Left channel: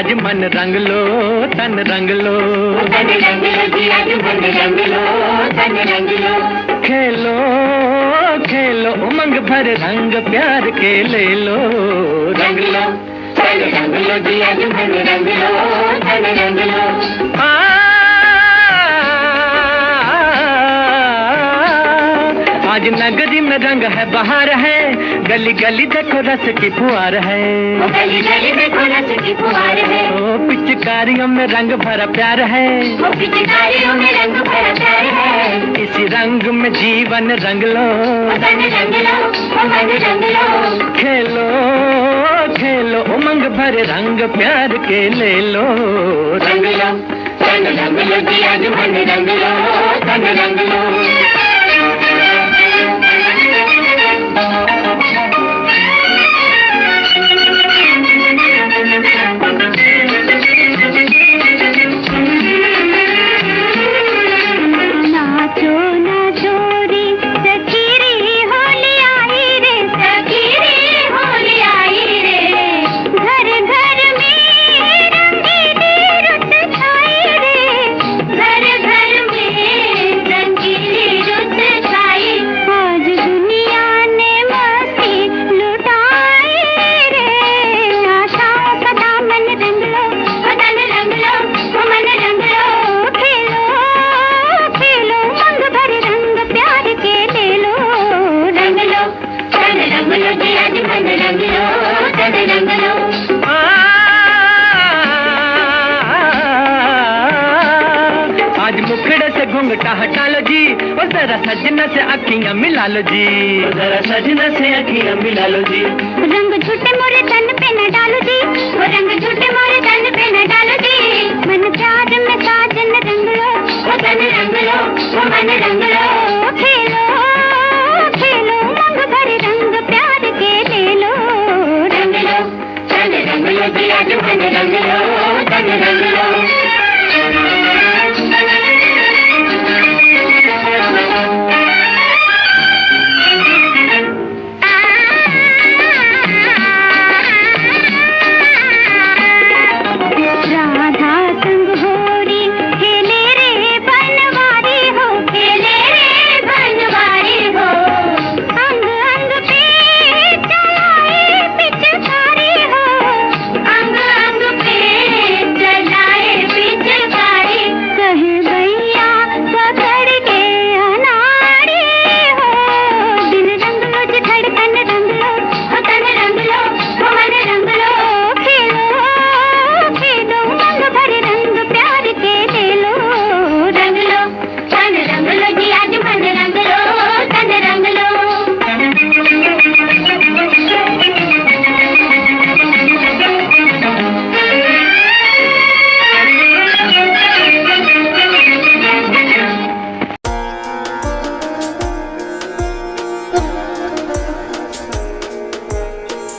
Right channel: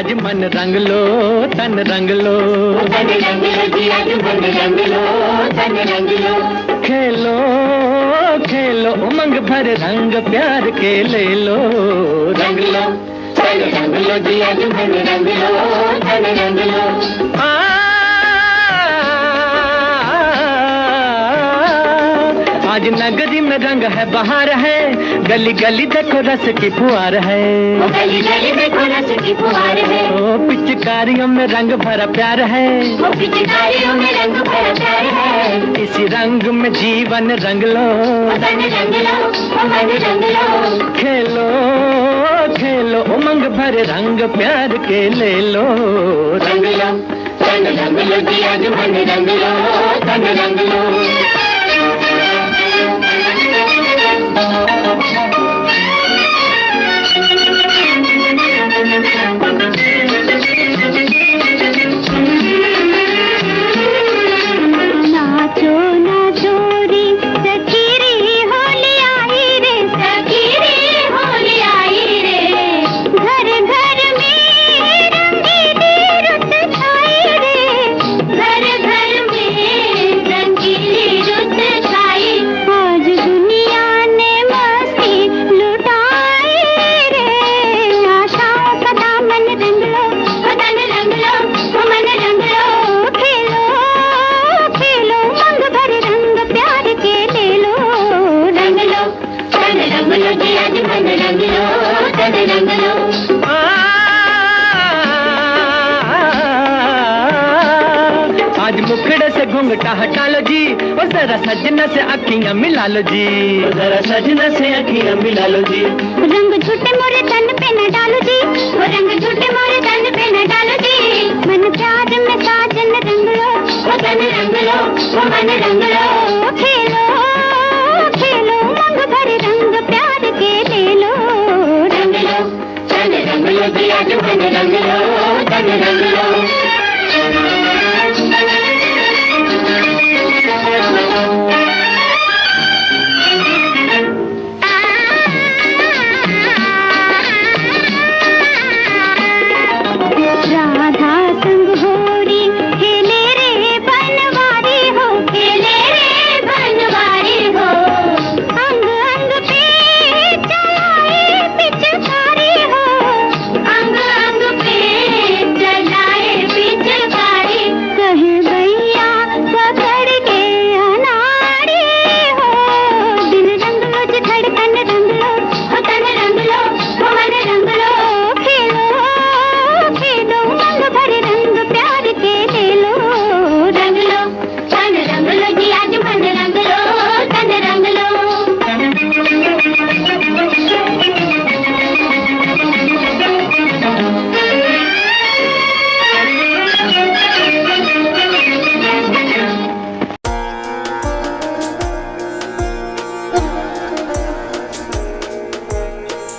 आज मन रंग लो, तन रंग लो, तन रंग लो जी, आज मन रंग लो, तन रंग लो। खेलो खेलो उमंग भर रंग प्यार के ले लो, रंग लो, तन रंग लो जी, आज मन रंग लो, तन रंग लो। आज नगरी में रंग है, बहार है, गली गली देखो रस की फुहार है, गली गली देखो रस की फुहार है। ओ पिचकारियों में रंग भरा प्यार है, ओ पिचकारियों में रंग भरा प्यार है। इसी रंग में जीवन रंग लो, तन रंग लो, मन रंग लो। खेलो खेलो उमंग भरे रंग प्यार के ले लो, रंग लो, तन रंग लो जी, आज मन रंग लो, तन रंग लो। नाचो नाचो रे सखी रे, होली आई रे, सखी रे होली आई रे। घर घर में रंगीली रुत छाई रे, घर घर में रंगीली रुत छाई। आज दुनिया ने मस्ती लुटाई रे, आशाओं का दामन रंग लो, तन रंग लो, मन रंग लो। खेलो खेलो रंग भर रंग प्यार के ले लो, रंग लो, तन रंग लो जी, आज मन रंग लो, तन रंग लो। आज मुखड़े से घूंघटा हटा लो जी, और जरा सजना से अखियां मिला लो जी, जरा सजना से अखियां मिला लो जी। रंग झूठे मोरे तन पे न डालो जी, वो रंग झूठे मोरे तन पे न डालो जी। मन प्यार में साजन रंग लो, तन रंग लो, मन रंग लो। खेलो